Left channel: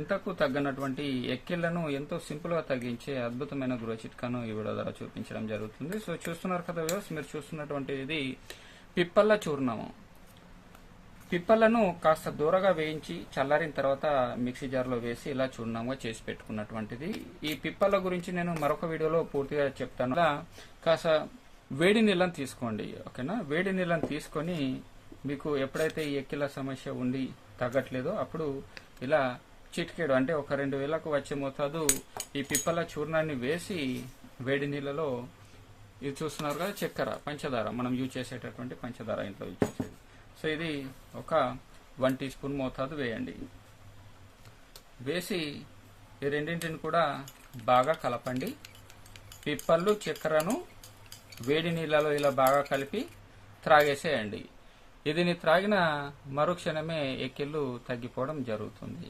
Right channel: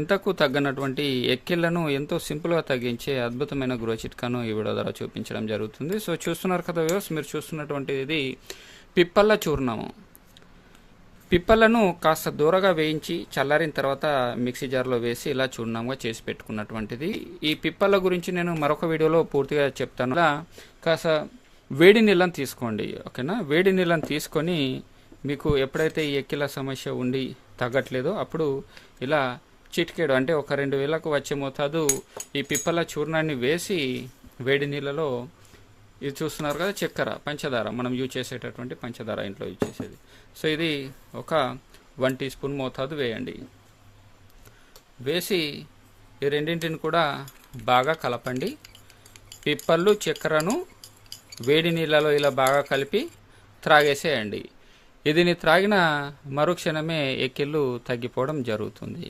ఇంతకు తగ్గనటువంటి ఎక్కిళ్ళను ఎంతో సింపుల్గా తగ్గించే అద్భుతమైన గృహ చిట్కాను ఈ వీడియో ద్వారా చూపించడం జరుగుతుంది. సో చూస్తున్నారు కదా వ్యూస్ మీరు చూస్తున్నటువంటి ఇది పిప్పల్ల చూర్ణము. పిప్పలను కాస్త దూరగా వేయించి చల్లారిన తర్వాత మిక్సీ జార్లో వేసి ఇలా చూర్ణంగా చేసి పెట్టుకున్నటువంటిది. ఈ పిప్పల గురించి నేను మరొక వీడియోలో పూర్తిగా చెప్తాను. ఇలా కాస్త వేడి నీళ్ళని తీసుకోండి ఓకేనా? వేడి నీళ్ళని తీసుకొని మీకు ఎప్పుడైతే ఈ ఎక్కిల సమస్య ఉండి తగ్గట్లేదో అప్పుడు ఇలా చిటికేడు అంటే ఒక రెండు వేలకు వచ్చే మోతాదు ఈ పిప్పల చూర్ణాన్ని వేసి వేడి నీళ్ళలో ఇది చూస్తున్నారు కదా చక్కెర పంచదార. మనం యూజ్ చేసేటటువంటి పంచదార ఇంట్లో యూజ్ చేసేది. సో ఇది ఒక వన్ టీ స్పూన్ మోతాదు వేయండి. వేసి ఈ రెండింటిని కూడా బాగా కలపండి. పిప్పళ్ళు చక్కెరను వేడి నీళ్ళలో ఇలా బాగా కలిపి త్రాగేసేయండి. ఇదిని త్రాగిన మరుక్షణమే ఎక్కిళ్ళు తగ్గిపోవడం జరుగుతుంది.